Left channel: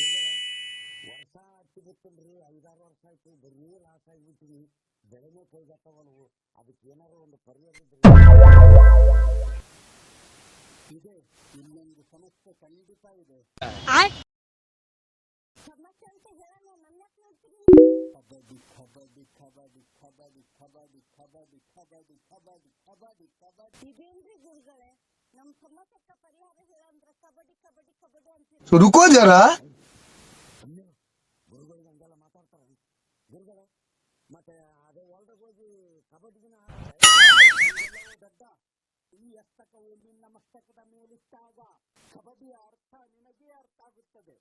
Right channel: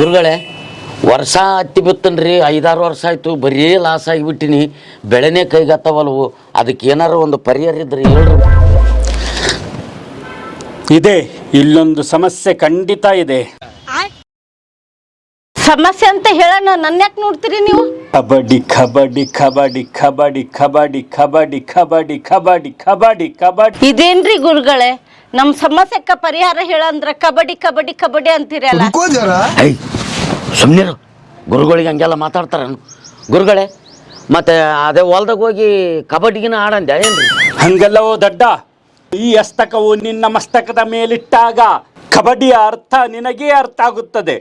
ಗುರುಗಳೇ, ವರ್ಷ ಹತ್ತಿ ಬಿತ್ತನ್ರಿ, 5-6 ವರ್ಷ ಆಯಿತು, ಬರೀ ಲಾಸ್ ಆಗಿಬಿಟ್ಟಿನಿ. ಬೆಳೆನೇ ಕೈಗತ್ತವಲ್ವು. ಅದಕ್ಕೆ ಏನಾರು ಒಂದು ಪರಿಹಾರ ಇದ್ರಿ ಹೇಳ್ರಿ. ಇದೆ, ಇಲ್ಲೊಂದು ಸಮಸ್ಯೆ ಖಂಡಿತ ಇದೆ. ಸಮಸ್ಯೆ ಅಂತ ಹೇಳೋಣ, ನನ್ನ ಯಾಕೆ ನೋಡ್ತೀರಿ ನೀವು? ಕಬಡ್ಡಿ ಕಬಡ್ಡಿ ಕಬಡ್ಡಿ ಕಬಡ್ಡಿ ಕಬಡ್ಡಿ ಕಬಡ್ಡಿ ಕಬಡ್ಡಿ ಕಬಡ್ಡಿ ಕಬಡ್ಡಿ ಕಬಡ್ಡಿ. ಇದೇನ್ರಿ ಗುರುಗಳೇ, ನಮ್ಮ ಸಮಸ್ಯೆಕ್ಕ ಪರಿಹಾರ ಹೇಳಂದ್ರ ಕಬಡ್ಡಿ ಕಬಡ್ಡಿ ಕಬಡ್ಡಿ ಅಂತೀರ. ಸುಮ್ಮನಿರು, ಗುರುಗಳಿಗೆ ಹಂಗೆಲ್ಲ ಮಾತಾಡ್ತಾರ ಗುರುಗಳೇ. ಮತ್ತೆ ಅದೇ ಹೊಲ್ದಾಗ ಹೋಗಿ ಕಬಡ್ಡಿಗಿನ ಆಡಂದೆ ಏನ್ರಿ? ಹಂಗೆಲ್ಲವೋ ದಡ್ಡ, ಈ ಹಸ್ತಕವು ನಿನ್ನ ಮಸ್ತಕದ ಮೇಲಿಟ್ಟಾಗ ಕಬಡ್ಡಿಯ ಅರ್ಥ ನಿನಗೇ ಅರ್ಥ ಆಗುತ್ತದೆ.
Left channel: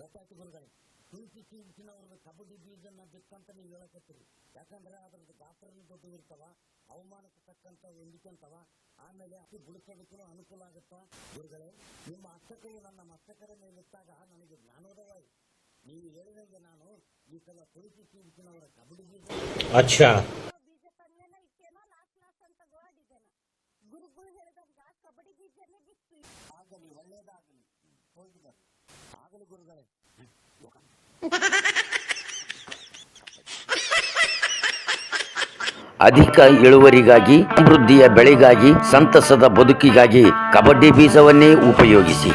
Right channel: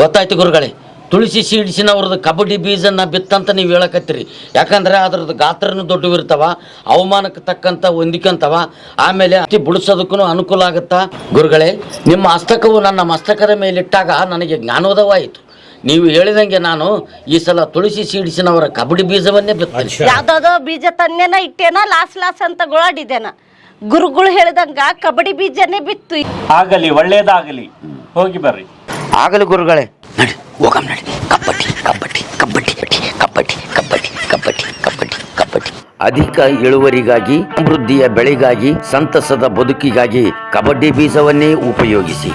ಗೊತ್ತಾಯ್ತು ಗುರುಗಳೇ. ತುಳಸಿ ಸೀಡ್ಸಿನವ್ರದ್ದು ಕಬಡ್ಡಿ ಬೀಜನ ಬಿತ್ತಂತ ನೀವು ಹೇಳಕತ್ತೀರಿ. ಯಾಕಂದ್ರೆ ಅದ್ರದ್ದು ಗಾತ್ರನೂ ದೊಡ್ಡವಿರ್ತಾವ, ಅವಮಾನಕ್ಕೆ ತಕ್ಕಂಥ ಹೊಂದಿಕಂತವ, ಆಮೇಲೆ ಅತಿ ಬಿಡಿಸೋದಕ್ಕೂ ಅನುಕೂಲ ಆಗುತ್ತಾ. ಗುರುಗಳೇ, ನಿಮ್ಮ ಹಸ್ತಕವು ನನ್ನ ಮಸ್ತಕದ ಮೇಲಿಟ್ಟಾಗ ನನಗೆ ಜ್ಞಾನೋದಯವಾಯಿತು. ನೀವು ಹೇಳಿದಂಗೆ ನಾನು ಈ ಸಲ ತುಳಸಿ ಸೀಡ್ಸಿನವರ ಕಬಡ್ಡಿ ಬೀಜವನ್ನೇ ಬಿತ್ತ. ಯಾವ್ದಾದೋ ಬೀಜ ತನ್ನೇನ ಇಟ್ಟೇನ, ಲಾಸ್ ಅಂತ ಗೋಳಾಡಿದೇನ. ಗುರುಗಳು ಹೇಳಿದಂಗ ಕಬಡ್ಡಿ ಬೀಜನೇ ಬಿತ್ತು. ಆಗಲಿ, ಒಳ್ಳೇದಾಗಲಿ, ಹೋಗಿ ಬರ್ರಿ. ಆಗಲಿ ಗುರುಗಳೇ, ನಡಿ ಹೋಗಮ್ ನಡಿ. ಕಬಡ್ಡಿ ಕಬಡ್ಡಿ ಕಬಡ್ಡಿ ಕಬಡ್ಡಿ ಕಬಡ್ಡಿ ಕಬಡ್ಡಿ ಕಬಡ್ಡಿ ಕಬಡ್ಡಿ. ಅಧಿಕ ಇಳುವರಿಗಾಗಿ, ಸಮೃದ್ಧಿಯ ಬೆಳೆಗಾಗಿ, ಸಂತಸದ ಬದುಕಿಗಾಗಿ ಕಬಡ್ಡಿ ಬೀಜವನ್ನೇ ಉಪಯೋಗಿಸಿ.